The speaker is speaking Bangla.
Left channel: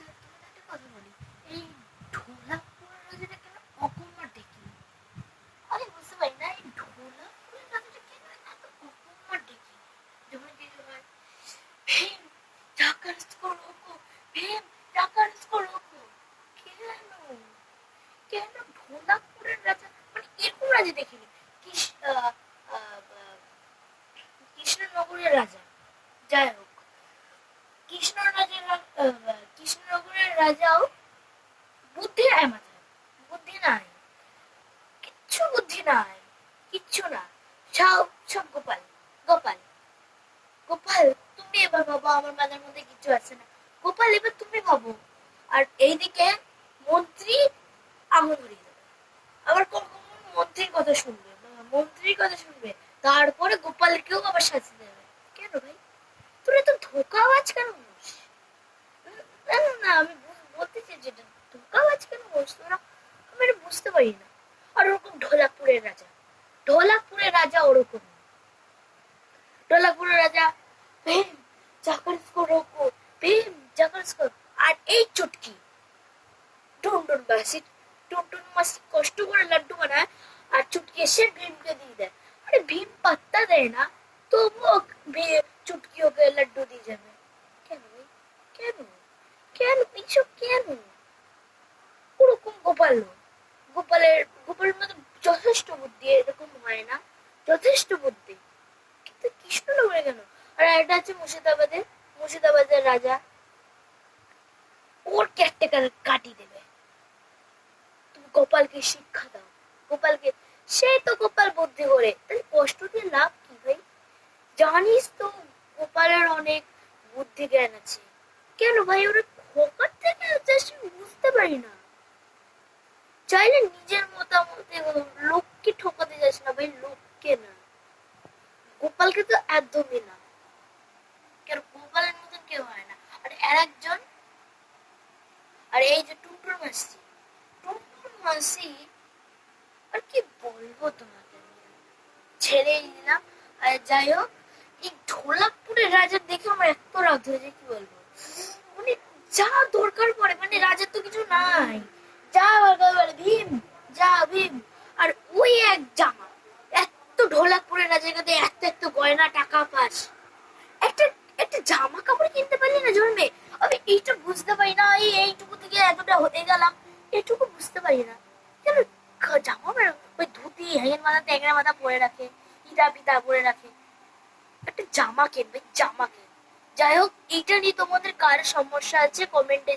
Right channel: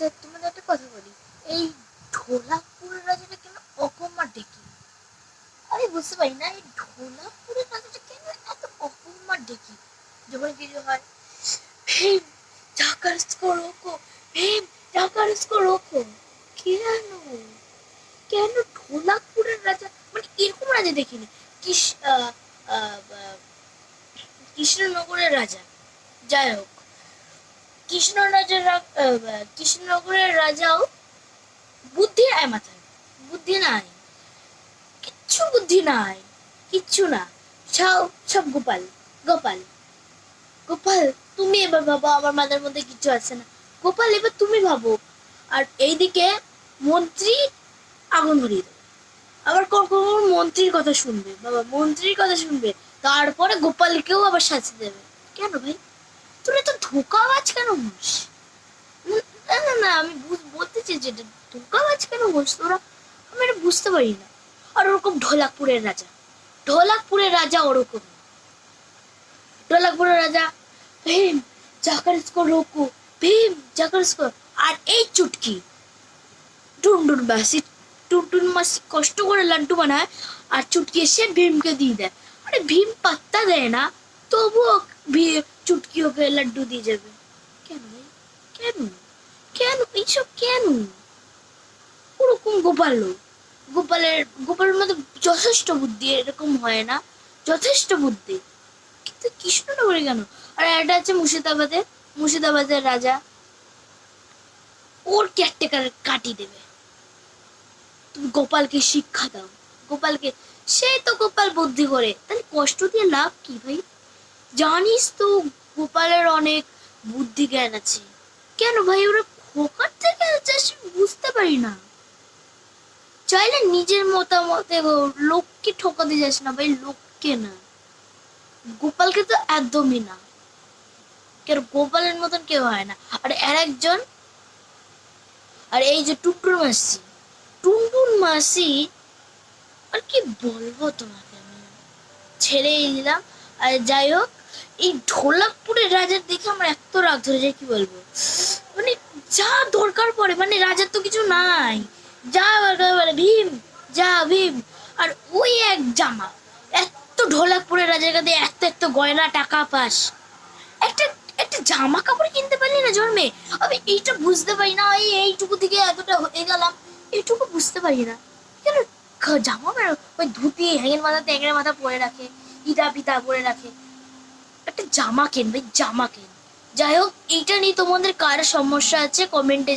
আচ্ছা, তোমাদের একটা কথা বলি, এই ঢোলাকপুরের রাজাটা কেন অকম্মার ডেকে? আমি বুঝতে পারি না, এই ঢোলাকপুরের রাজাটা কেন এত অকম্মার ডেকে? যখন কিছু হয়, ভীম জাকার স্কো রোকো, ভীম জাকার স্কো রোকো। কেন কেন ঢোলাকপুরের রাজা মানে এরকম রাজা দেখিনি। কিস আহ, আহ, আহ, কৃষ্ণনগরের রাজা, যাই হোক, কৃষ্ণনগরের রাজাও বুদ্ধি নাই মাথায়, বুদ্ধি নাই, কিচ্ছু বুদ্ধি নাই, কিচ্ছু না। সব সব গোপাল, গোপাল, গোপাল। তুমি এবার ভাবো, আমার মাথার মধ্যে কিচ্ছু আছে না। গোপাল, এবার তুমি ভাবো। আর এইদিকে মন্ত্রী আগুন ধরিয়ে দেবে, আবার কখন মন্ত্রীর কথা শুনবে, বাবা মন্ত্রীর কথা শুনবে, তারপরে গোপালকেও আবার শাস্তি দেবে। কেন ভাই, তোরা তো ধোকাবাজ কেন হোস? না না না, আমি বলতে চাই যেটা, ধোকাবাজ কেন হোস তোরা? আমি এটা বুঝতে পারি না। আর ওরকম ঢোলাকপুরের রাজা, ঢোলাকপুরের রাজা ওরকম, ঢোলাকপুরের রাজা ভীম জাকার স্কো রোকো, ভীম জাকার স্কো। আর এই চুটকি টুনটুন মাসি, টুনটুন মাসি কষ্ট করে লাড্ডু বানায়, আর চুটকি এসে ভীমকে দিয়ে দেয়। আরে ভীম পাত্তা দেয় না, তবুও চুটকি ওকে লাড্ডু দিয়ে যাবে। কেন ভাই? কেন কেন এইসব কেন? ওরকম গোপাল, গোপালের মধ্যে যথেষ্ট বুদ্ধি, এরকম হয় না, যথেষ্ট বুদ্ধি। কিন্তু কৃষ্ণনগরে কেন? আর একটা আছে মুর্শিদাবাদে, মুর্শিদাবাদের রাজা, ওর কেয়ারটেকার কাটি দেবে। তুমি গোপালকে শিক্ষা দাও, গোপালকে। সে তো গোপাল বুদ্ধি করে, তাহলে কষ্ট দিয়ে লাভ কি ভাই? জানিস তো গোপালের অনেক বুদ্ধি জ্ঞান আছে। কেন ভাই ওরা খোকার থেকে যাচ্ছি, বুঝতে পারি না। চাইলে নিজের মতামতে লোককে ঠকাতে যাস না ভাই, লোককে না, গোপালকে তো একদমই না। কেন গোপালের মতন কেউ হয় না। আর একজন, আর এই যে টুনটুন মাসি, টুনটুন মাসি, আর কি বলবো তোমাকে, আমি ছেড়েই দিলাম। আর যাই হোক, এই ঢোলাকপুরের রাজার দেখে আমার এত রাগ ধরে যায়, কি বলবো, মানে যা দরকার পড়ে, মানে রাজার তো কিছু নাই, যা দরকার পড়ে ভীম, যা ভীম। আর ওই এক জামা, এত ঢোলাকপুরের রাজার কাছে এত এত গয়না টাকা পাস, একটা একটা জামা কাপড় কিনতে পারলি না জন্মে? আমি এইটা বুঝতে পারি না, এইটুকু থেকে এতটা হয়ে গেলাম, এইটুকু বুঝতে পারি না। কেন জামা ওই ধুতি হ্যাঙের মাথা ট্যাংরা মাথা পরে রাখে, ইটা পিতা পরে রাখে, একটা জামা কেন ভাই, জামা কেন। যাই হোক, এইটা নিয়ে তোমাদের কার সমস্যা আছে কমেন্টে